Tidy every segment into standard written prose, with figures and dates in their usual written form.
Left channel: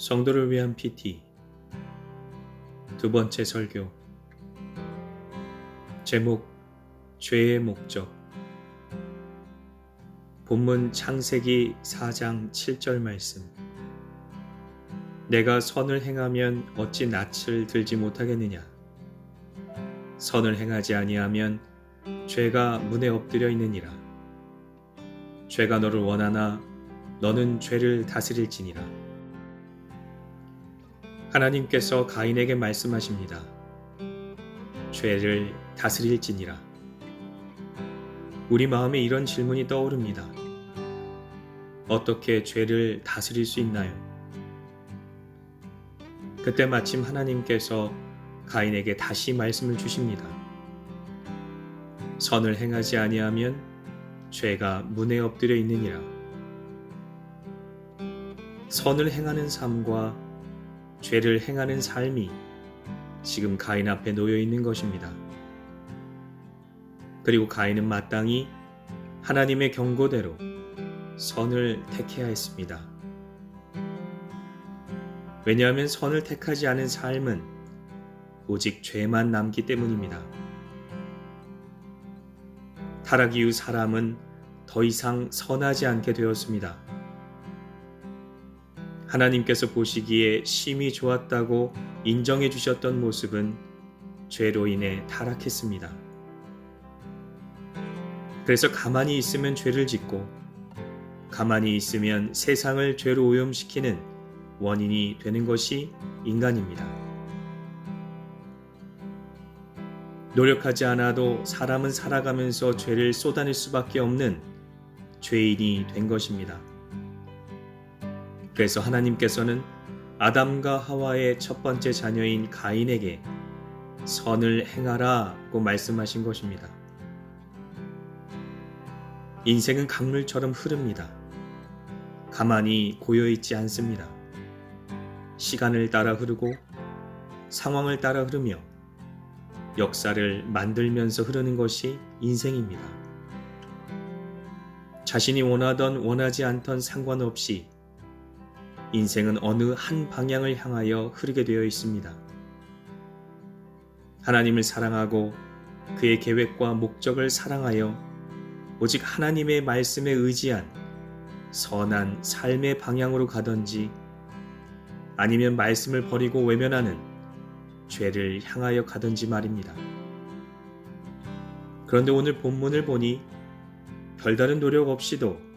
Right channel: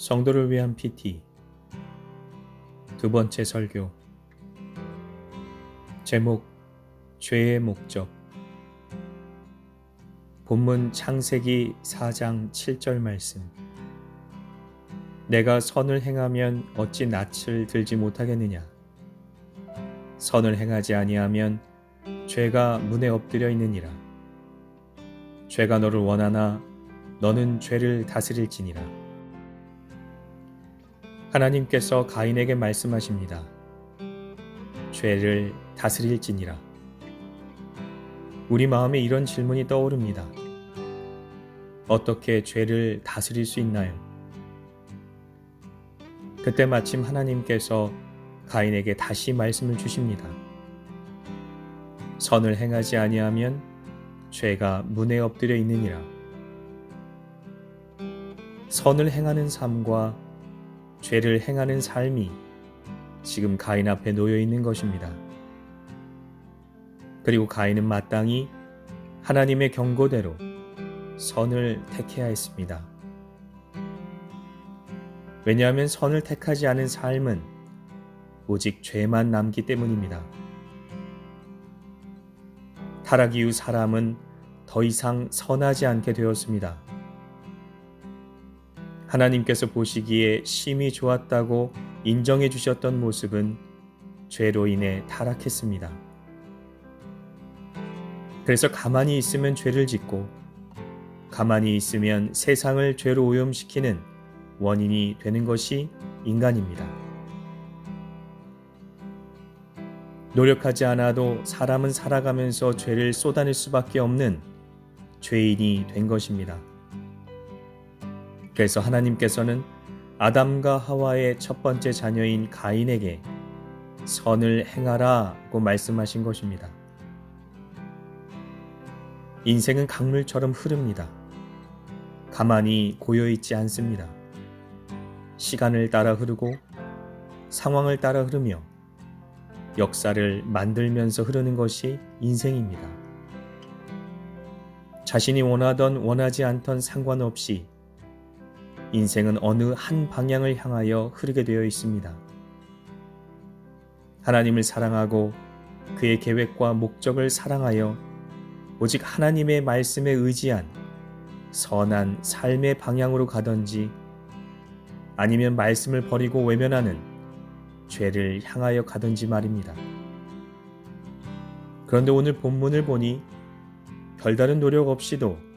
성도를 위한 PT 두 번째 설교. 제목: 죄의 목적. 본문 창세기 4장 7절 말씀. 내가 선을 행하면 어찌 낯을 들지 못하겠느냐. 선을 행하지 아니하면 죄가 문에 엎드려 있느니라. 죄가 너를 원하나 너는 죄를 다스릴지니라. 하나님께서 가인에게 말씀하십니다. 죄를 다스릴지니라. 우리 마음에 이런 질문이 떠오릅니다. 어떻게 죄를 다스릴 수 있나요? 그때 마침 하나님께서 가인에게 다시 말씀을 주십니다. 선을 행하지 아니하면 죄가 문에 엎드려 있느니라. 선을 행하는 삶과 죄를 행하는 삶이 지금 가인 앞에 놓여 있는 것입니다. 그리고 가인은 마땅히 하나님의 경고대로 선을 택해야 했습니다. 왜냐하면 선을 택하지 않은 삶은 오직 죄만 남기 때문입니다. 타락 이후 사람은 더 이상 선하지 않게 되었습니다. 하나님께서 보시기에 심히 좋았다고 인정해 주셨던 모습은 죄로 인해 타락했습니다. 그래서 가만히 있으면 죄를 짓고 가만히 있으면 세상을 죄로 오염시키는 원인이 되는 것이 인간입니다. 노력하지 않아도 사람은 살아가면서 죄를 쏟아낼 수밖에 없는 죄인이 된 것입니다. 그래서 하나님께서는 아담과 하와의 첫 번째 자녀인 가인에게 선을 행하라고 말씀하신 것입니다. 인생은 강물처럼 흐릅니다. 가만히 고여있지 않습니다. 시간을 따라 흐르고 상황을 따라 흐르며 역사를 만들면서 흐르는 것이 인생입니다. 자신이 원하던 원하지 않던 상관없이 인생은 어느 한 방향을 향하여 흐르게 되어 있습니다. 하나님을 사랑하고 그의 계획과 목적을 사랑하여 오직 하나님의 말씀에 의지한 선한 삶의 방향으로 가든지 아니면 말씀을 버리고 외면하는 죄를 향하여 가든지 말입니다. 그런데 오늘 본문을 보니 별다른 노력 없이도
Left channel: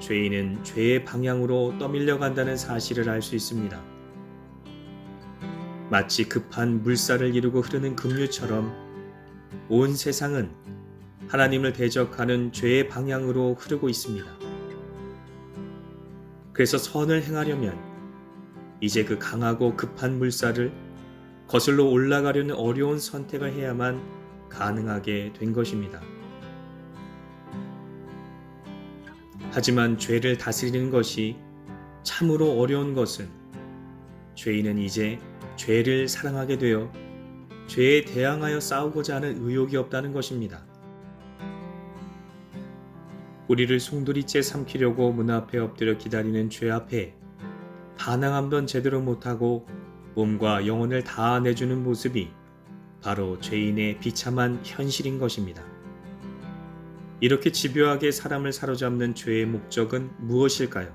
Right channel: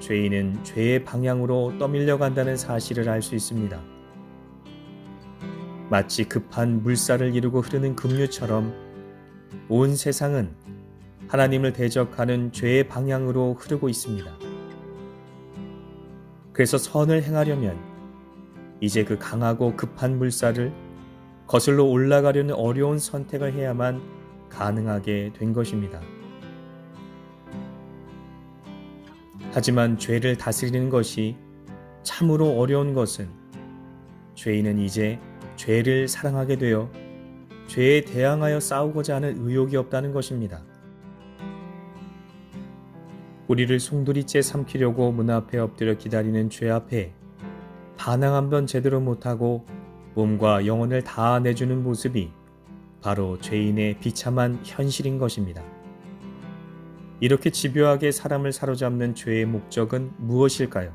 죄인은 죄의 방향으로 떠밀려 간다는 사실을 알 수 있습니다. 마치 급한 물살을 이루고 흐르는 급류처럼 온 세상은 하나님을 대적하는 죄의 방향으로 흐르고 있습니다. 그래서 선을 행하려면 이제 그 강하고 급한 물살을 거슬러 올라가려는 어려운 선택을 해야만 가능하게 된 것입니다. 하지만 죄를 다스리는 것이 참으로 어려운 것은 죄인은 이제 죄를 사랑하게 되어 죄에 대항하여 싸우고자 하는 의욕이 없다는 것입니다. 우리를 송두리째 삼키려고 문 앞에 엎드려 기다리는 죄 앞에 반항 한 번 제대로 못하고 몸과 영혼을 다 내주는 모습이 바로 죄인의 비참한 현실인 것입니다. 이렇게 집요하게 사람을 사로잡는 죄의 목적은 무엇일까요?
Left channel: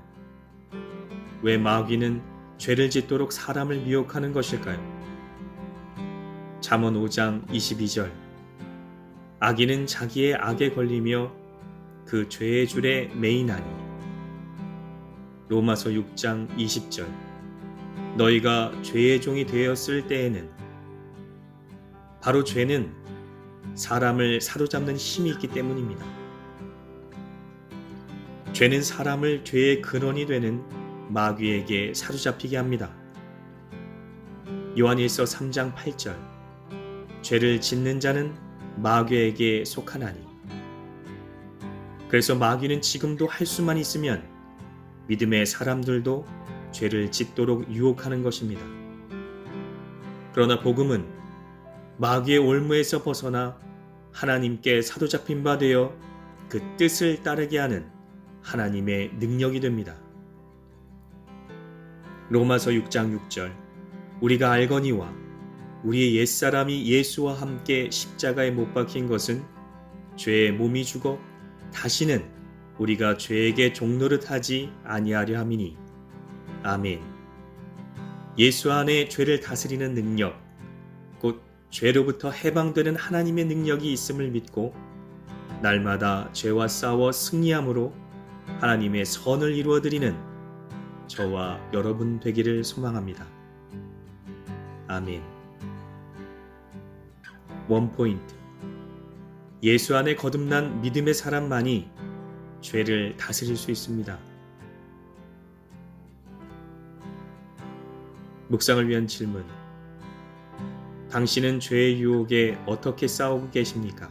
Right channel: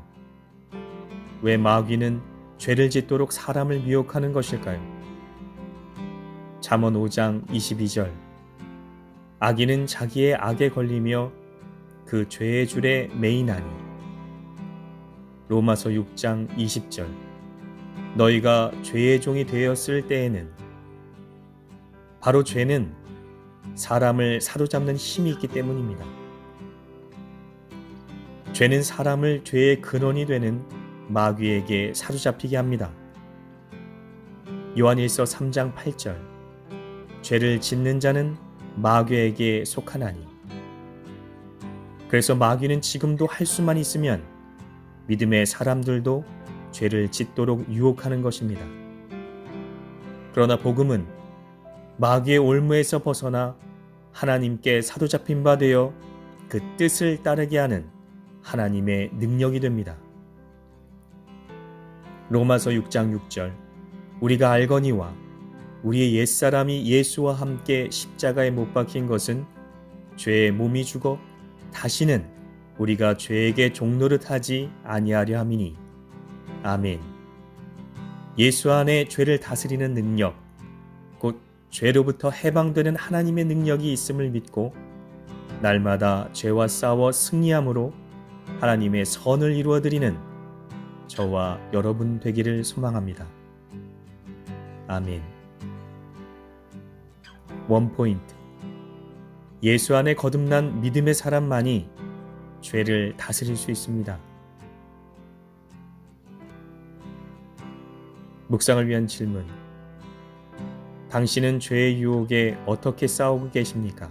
왜 마귀는 죄를 짓도록 사람을 미혹하는 것일까요? 잠언 5장 22절. 악인은 자기의 악에 걸리며 그 죄의 줄에 매이나니. 로마서 6장 20절. 너희가 죄의 종이 되었을 때에는. 바로 죄는 사람을 사로잡는 힘이 있기 때문입니다. 죄는 사람을 죄의 근원이 되는 마귀에게 사로잡히게 합니다. 요한일서 3장 8절. 죄를 짓는 자는 마귀에게 속하나니. 그래서 마귀는 지금도 할 수만 있으면 믿음의 사람들도 죄를 짓도록 유혹하는 것입니다. 그러나 복음은 마귀의 올무에서 벗어나 하나님께 사로잡힌 바 되어 그 뜻을 따르게 하는 하나님의 능력이 됩니다. 로마서 6장 6절. 우리가 알거니와 우리의 옛사람이 예수와 함께 십자가에 못 박힌 것은 죄의 몸이 죽어 다시는 우리가 죄에게 종노릇하지 아니하려 함이니. 아멘. 예수 안에 죄를 다스리는 능력, 곧 죄로부터 해방되는 하나님의 능력이 있음을 믿고 날마다 죄와 싸워 승리함으로 하나님의 선을 이루어드리는 저와 여러분 되기를 소망합니다. 아멘. 원포인트. 예수 안에 거듭난 믿음의 사람만이 죄를 다스릴 수 있습니다. 묵상을 위한 질문. 당신은 죄의 유혹에 어떻게 싸우고 계십니까?